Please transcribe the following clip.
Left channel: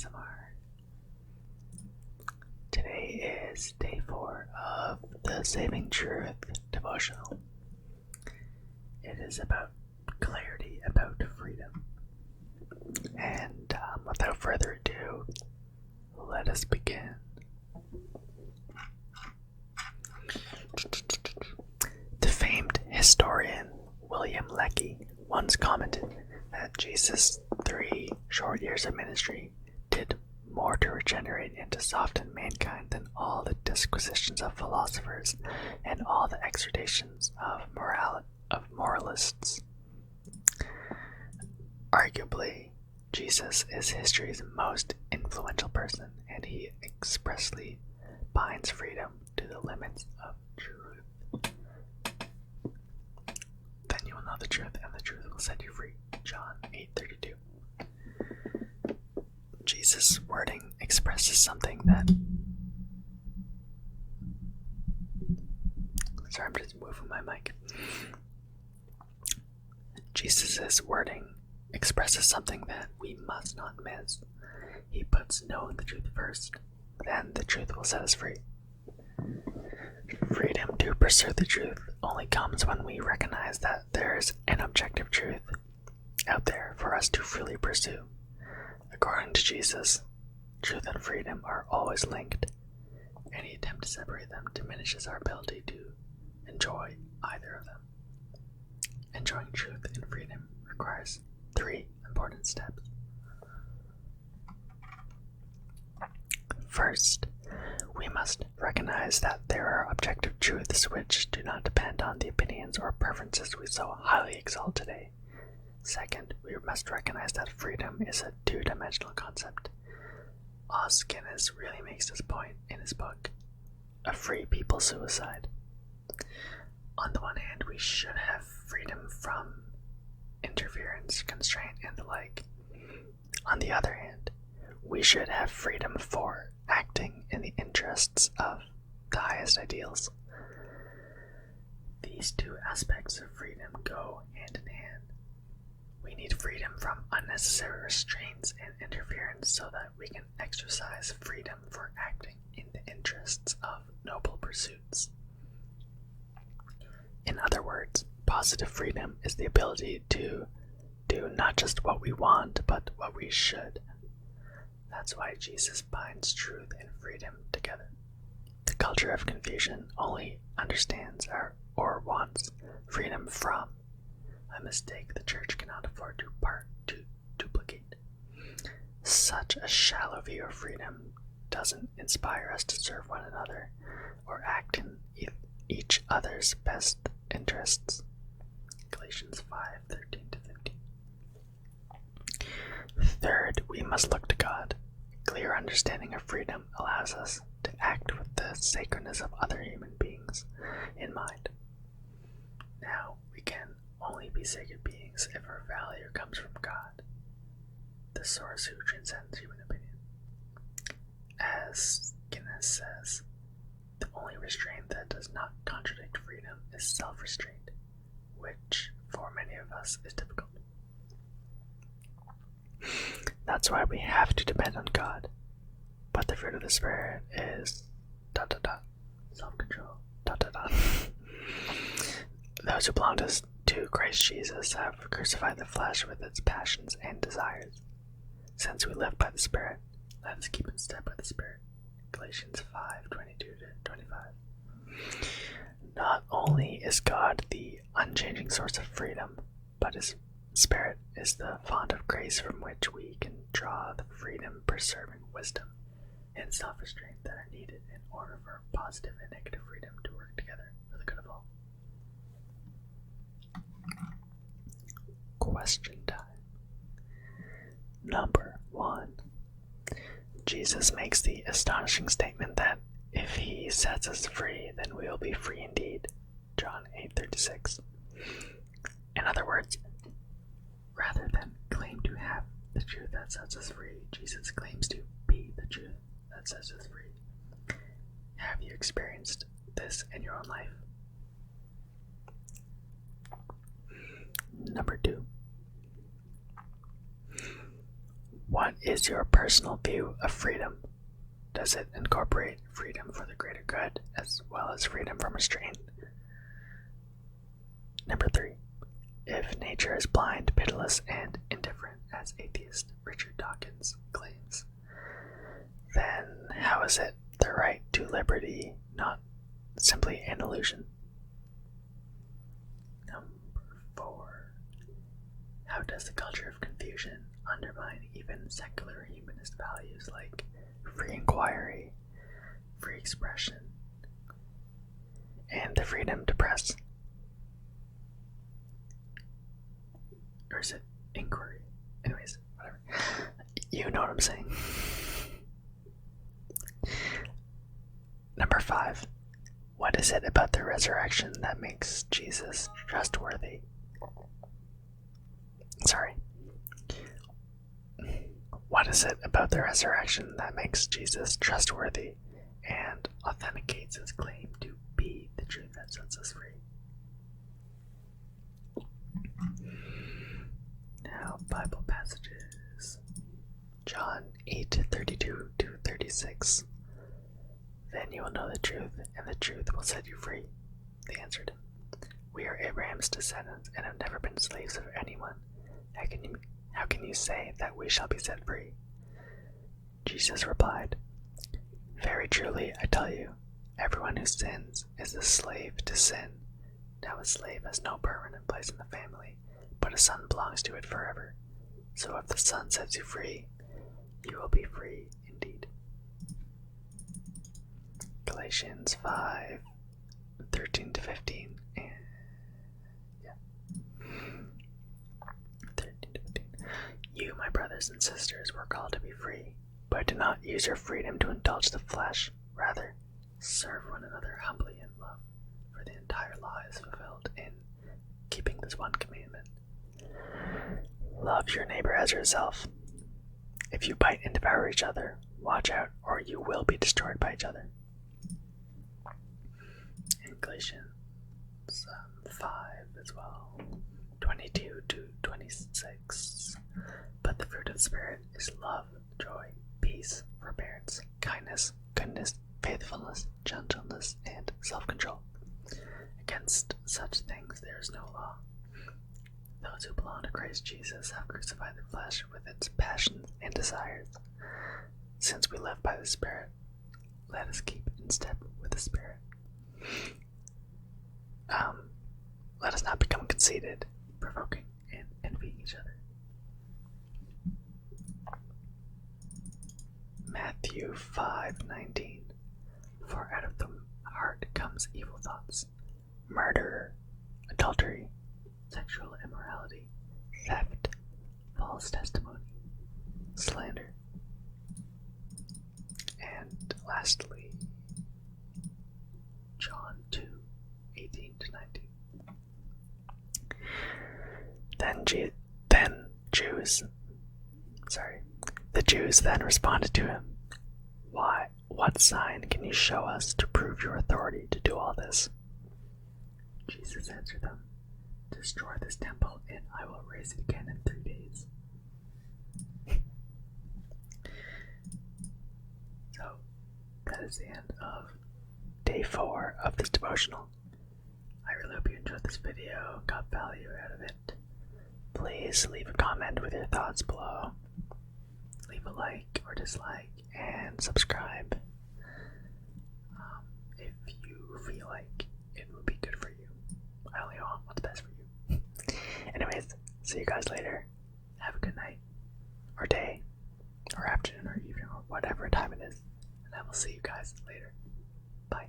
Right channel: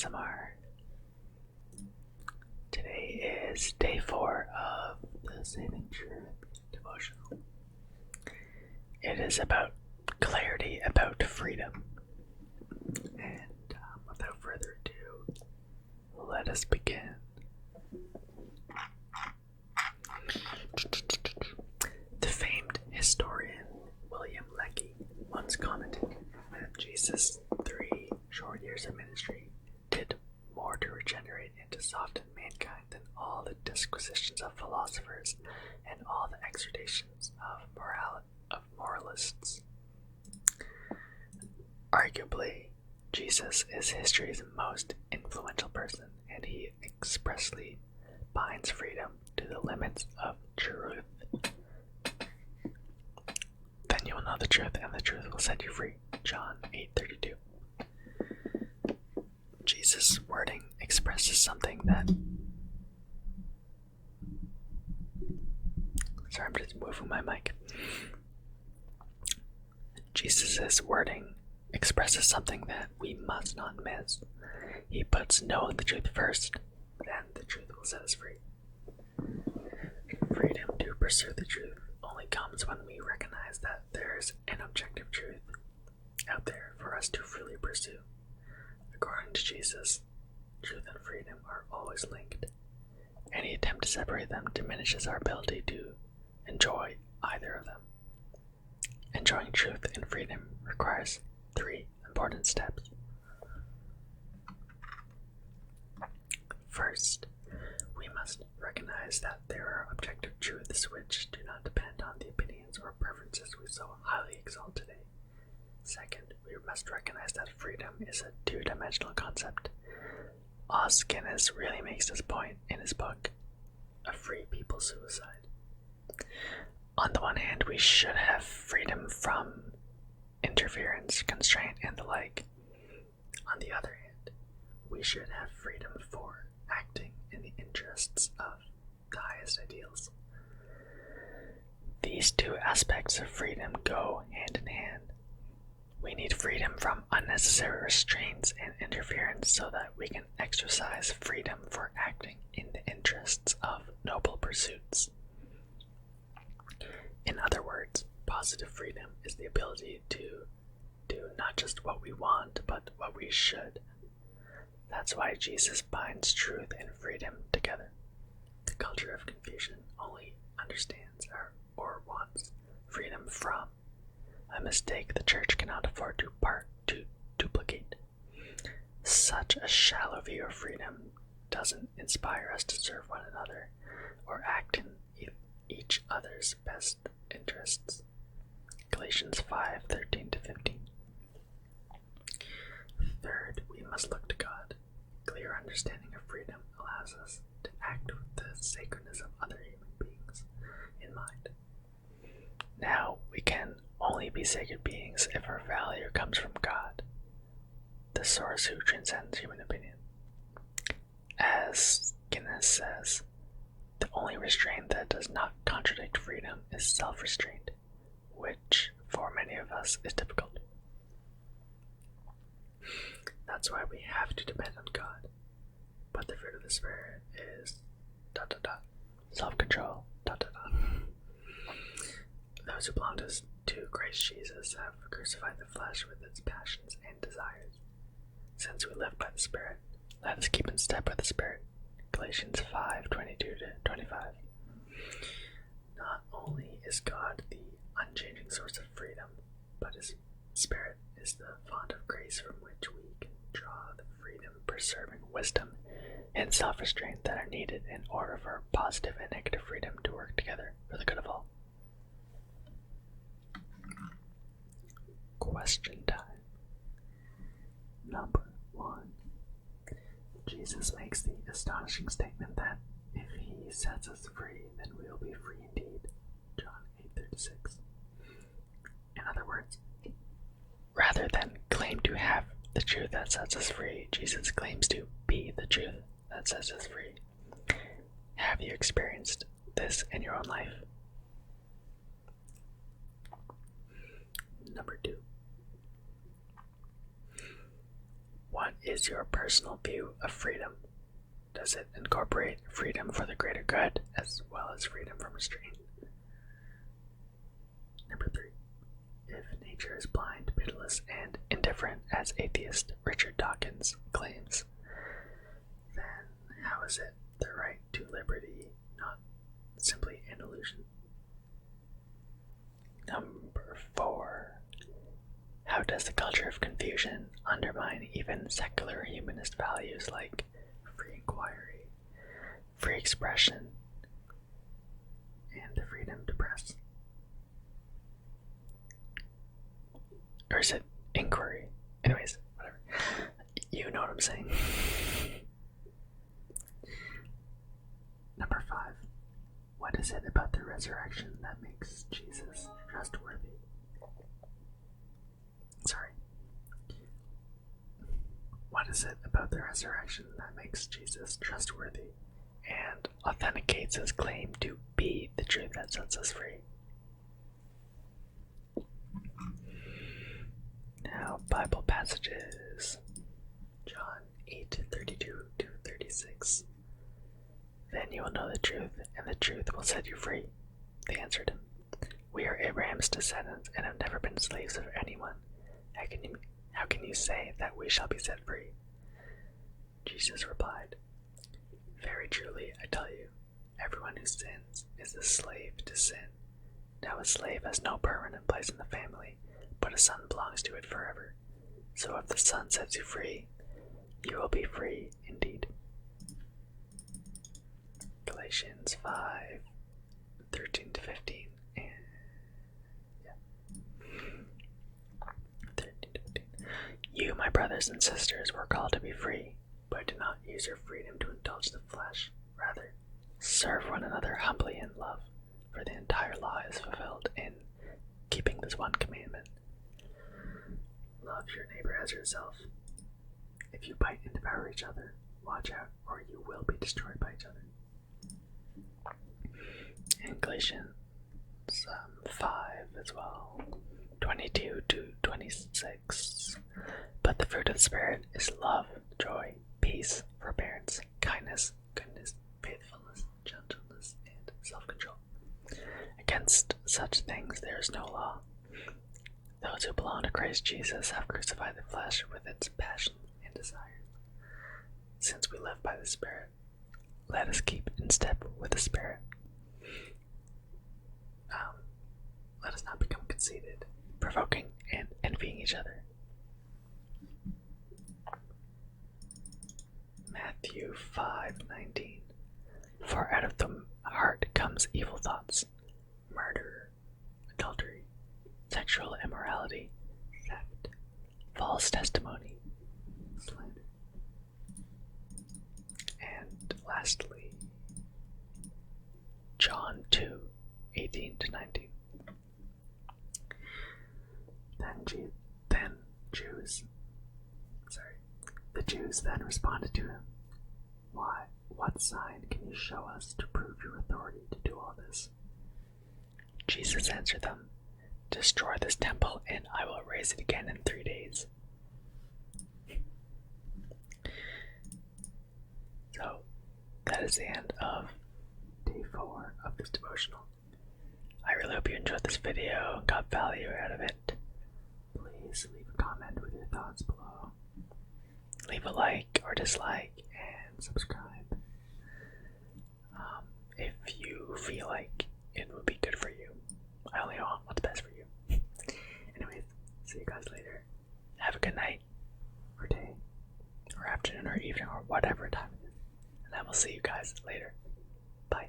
ASMR. Today is day 4 of the Saving Truth Devotional. It is about clarity, about freedom. And without further ado, let us begin. The famed historian William Lecky once commented that Jesus' 3 short years of ministry did more to regenerate and to soften mankind than all the disquisitions of philosophers and all the exhortations of moralists. Arguably, Jesus is history's most influential person, and he expressly binds freedom to the limits of truth. Then you will know the truth, and the truth will set you free. John 8:32. Jesus' wording expresses something that... Sorry, I'm just moving my mic. Jesus' wording expresses something that we must not miss. He puts knowing the truth first, then the truth will set us free. Freedom to pursue the truth only comes when we recognize that there is an objective truth out there for us to freely pursue. According to Jesus, truth and freedom are always linked. Any attempt to separate them diminishes our ability to enjoy either of them. Enjoying truth and freedom requires 3 important steps. First, we must recognize that there are objective truths which do not depend on the opinions or preferences we so highly exalt today. Second, we must recognize that freedom is a 2-dimensional concept. Os Guinness really makes this point in his book, A Free People's Suicide. On the one hand, we should have freedom from interference, constraint, and the like. On the other hand, we should have freedom for acting in the interests of the highest ideals. These 2 aspects of freedom go hand in hand. We need freedom from unnecessary restraints and interference so that we can exercise freedom for acting in the interests of noble pursuits. In other words, positive freedom is the ability to do not just what we want, but what we should. That's why Jesus binds truth and freedom together. The culture of confusion only understands or wants freedom from, a mistake the church cannot afford to duplicate. Such a shallow view of freedom doesn't inspire us to serve one another or act in each other's best interests. Galatians 5:13-15. Third, we must look to God. Clear understanding of freedom allows us to act with the sacredness of other human beings in mind. Now, we can only be sacred beings if our value comes from God, the source who transcends human opinion. As Guinness says, the only restraint that does not contradict freedom is self-restraint, which for many of us is difficult. That's why we have to depend on God. But the fruit of the Spirit is ... self-control ... Those who belong to Christ Jesus have crucified the flesh with its passions and desires. Since we live by the Spirit, let us keep in step with the Spirit. Galatians 5:22-25. Not only is God the unchanging source of freedom, but His Spirit is the font of grace from which we can draw the freedom-preserving wisdom and self-restraint that are needed in order for positive and negative freedom to work together for the good of all. Question time. Number 1. Jesus makes the astonishing statement that if He sets us free, then we will be free indeed. John 8:36. In other words, rather than claim to have the truth that sets us free, Jesus claims to be the truth that sets us free. Have you experienced this in your own life? Number 2. What is your personal view of freedom? Does it incorporate freedom for the greater good as well as freedom from restraint? Number 3. If nature is blind, pitiless, and indifferent, as atheist Richard Dawkins claims, then how is it the right to liberty not simply an illusion? Number 4. How does the culture of confusion undermine even secular humanist values like free inquiry, free expression, and the freedom to press? Or is it inquiry? Anyways, whatever. You know what I'm saying. Number 5. What is it about the resurrection that makes Jesus trustworthy? What is it about the resurrection that makes Jesus trustworthy and authenticates his claim to be the truth that sets us free? Now, Bible passages. John 8:32-36. Then you will know the truth, and the truth will set you free. They answered him, We are Abraham's descendants and have never been slaves of anyone. How can you say that we shall be set free? Jesus replied, Very truly, I tell you, everyone who sins is a slave to sin. Now a slave has no permanent place in the family, but a son belongs to it forever. So if the Son sets you free, you will be free indeed. Galatians 5:13-15. You, my brothers and sisters, were called to be free, but do not use your freedom to indulge the flesh. Rather, serve one another humbly in love, for the entire law is fulfilled in keeping this one commandment. Love your neighbor as yourself. If you bite and devour each other, watch out, or you will be destroyed by each other. And Galatians 5 as well, 22-26. But the fruit of the Spirit is love, joy, peace, forbearance, kindness, goodness, faithfulness, gentleness, and self-control. Against such things there is no law. Those who belong to Christ Jesus have crucified the flesh with its passions and desires. Since we live by the Spirit, let us keep in step with the Spirit. Let us not become conceited, provoking, and envying each other. Matthew 5:19. For out of the heart comes evil thoughts, murder, adultery, sexual immorality, theft, false testimony, slander. And lastly, John 2:18-19. The Jews then responded to him, What sign can you show us to prove your authority to do all this? Jesus answered them, Destroy this temple, and I will raise it again in 3 days. So, that is the end of day 4 of this devotional. I really hope you enjoyed this video and got value out of it. Please leave a comment with your thoughts below. Leave a like or dislike and subscribe if you feel like it would be good for you. I only want what's best for you. Anyways, see you guys later. Have a good night, or day, or afternoon, or evening, or whatever time it is. And I will see you guys later. Bye.